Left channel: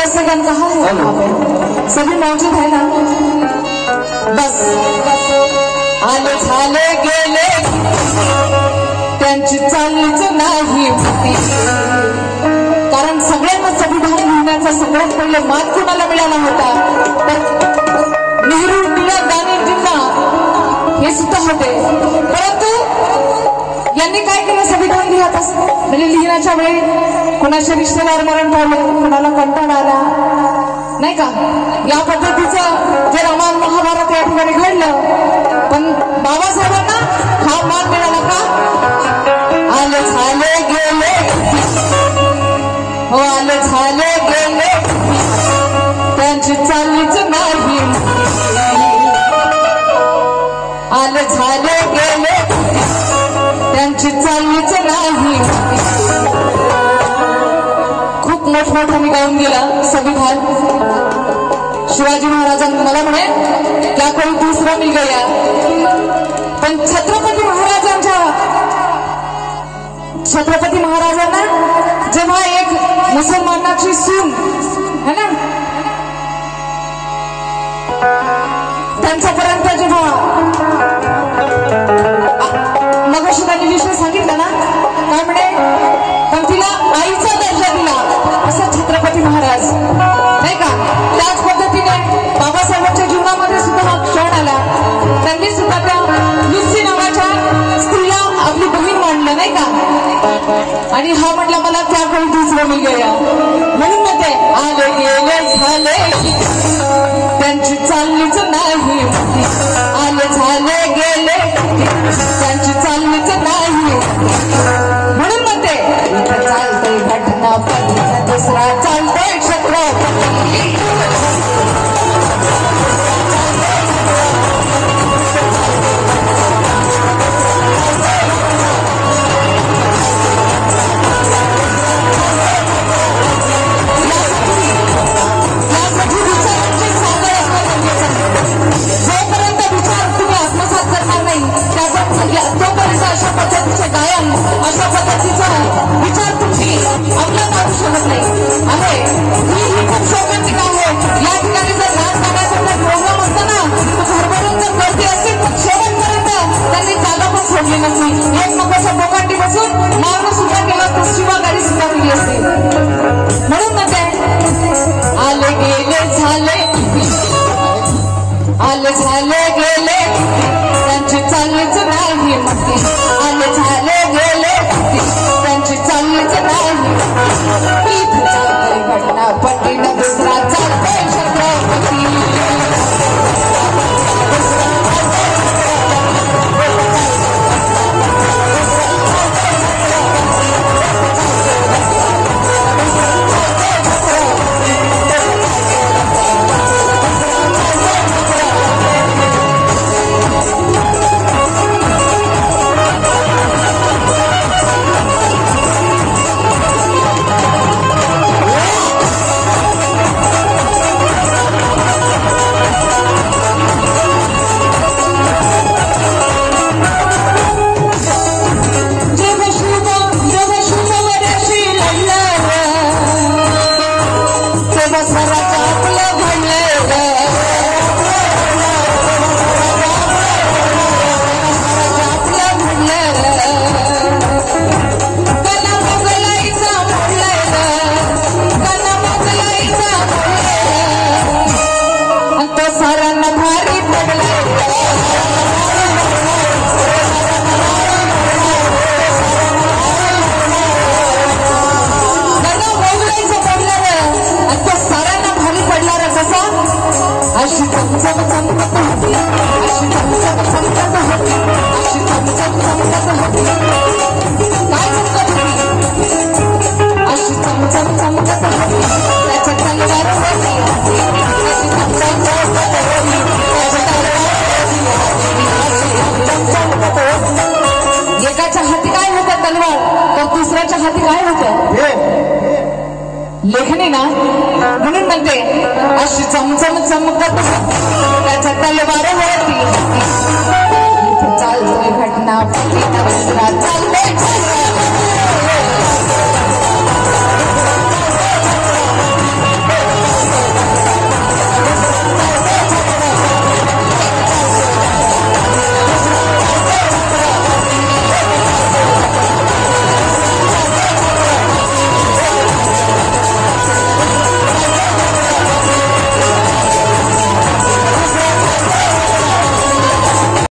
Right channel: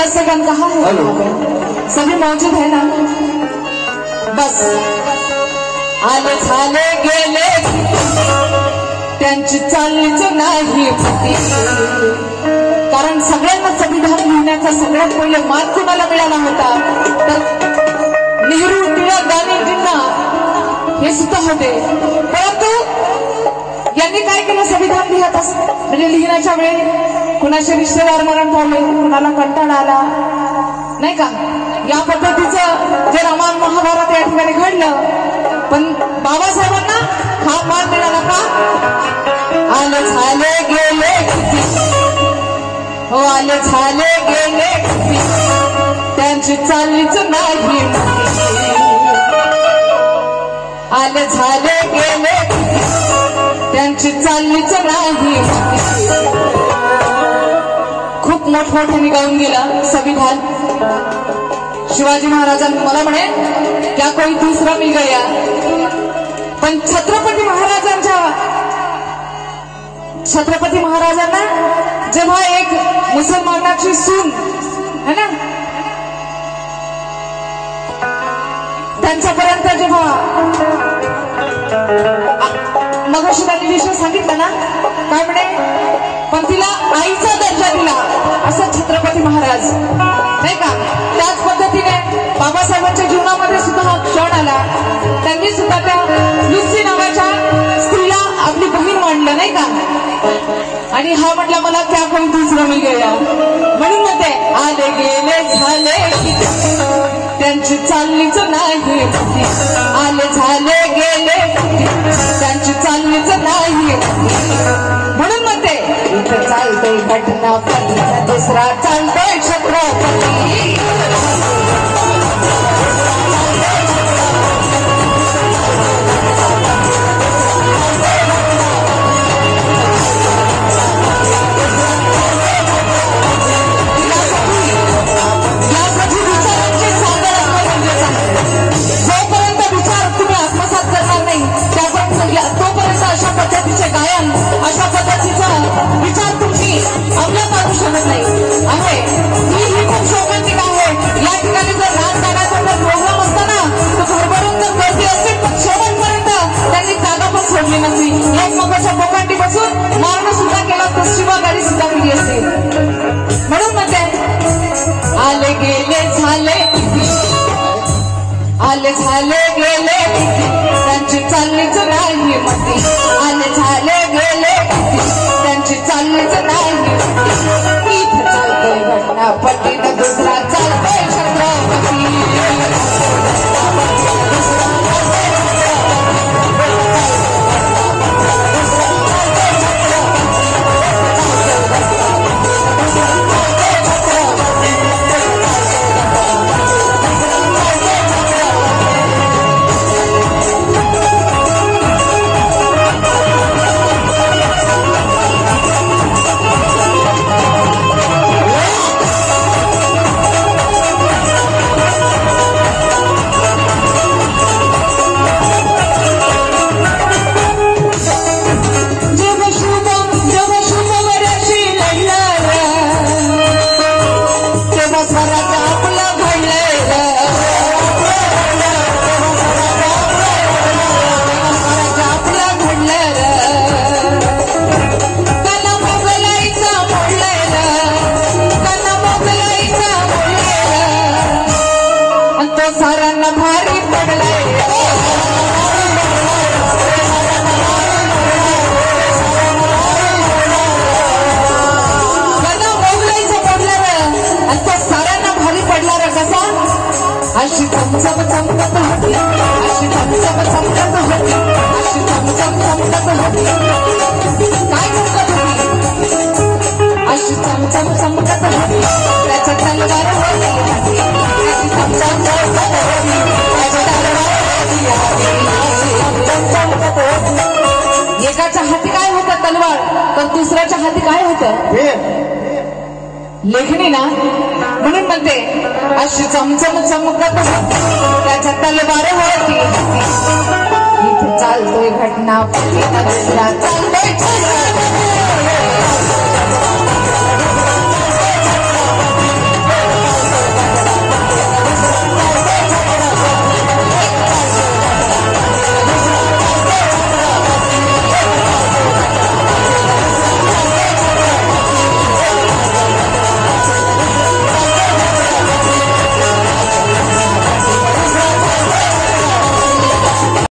दर्शकगण कहाँ है यहाँ पे? सभी मौजूद है ना? बस आले झाले गेले त्यांची चाललीच नाही होती. कारण सगळ्यांना संविधान लिहिण्याचा सगळ्यात पहिले मार्ग कुणाला मिळाला होता तर नेहरू इंदिरा गांधींना हे सुद्धा होते. परंतु यांनी काय केलं? संविधान लिहत म्हणजे लिहिण्याच्या वेळी कुणाच्या रिश्तेदार मरण पावले, कुणाला कंटाळा आला नाही का, या पद्धतीचं जे रामायण महाभारत या ठिकाणी घडलं. पण बाबासाहेबांना हा मान मिळाला का? आले झाले गेले हो आले झाले गेले त्यांची चाललीच नाही. आले झाले गेले त्यांची चाललीच नाही. खूप मोठमोठ्याने गाऊन गेलं संविधान. शिवाजी महाराजांनी मला म्हणे क्या कोई दुसरा मिल गया. पण छत्रपती महाराजांना जेव्हा एक मुसलमानाची सून है ना त्यांच्यापर्यंत जेव्हा मगाशी त्यांनी विषय सांगितला ना काय म्हणे, पण तिला आईचा दर्जा दिला असं छत्रपती महाराज नाही का. त्याच पद्धतीने बाबासाहेबांच्या जीवनामध्ये सुद्धा हा क्षण आला. त्यांनी सुद्धा त्या लुसी नावाच्या स्त्रीला आपली बहीण मांडलं नाही का. आणि हा म्हटला मला त्या काही दुसरं मी गेला म्हणून मग ते आले गेले झाले त्यांची चाललीच नाही. आले झाले गेले त्यांची चाललीच नाही. म्हणून मग ते इथं चालतंय घटना पण दुसरा चालतंय छत्रपती. तोपर्यंत अशा पद्धतीचे गायन अशा पद्धतीचा विचार तुम्ही अंमलात आणू शकत नाही. आहे मी ही खूप शोकांची काम आहे. या ठिकाणी जर राजकारणाचा प्रोग्राम असतो ना तर भरभरून जर माहिती असतील शेवटपर्यंत त्यांनी जागा पण सोडली नसती. एक लोकांच्या डोकांटी बसून मागणं सुद्धा केला पश्चिमाघारी सुद्धा केली असते. म्हणून ना ते आले गेले झाले आले झाले गेले त्यांची चाललीच नाही. आले झाले गेले त्यांची चाललीच नाही. घटना पटीन दुसरा चालतंय छत्रपती. एकाच्या हाती काय होतं तलवार तर दुसऱ्याच्या हाती काय होतं लेखणी ना. म्हणून म्हणते अशी चमचम चमकत त्याच्या तलवार वळती. इथे चालतोय घटना चालतंय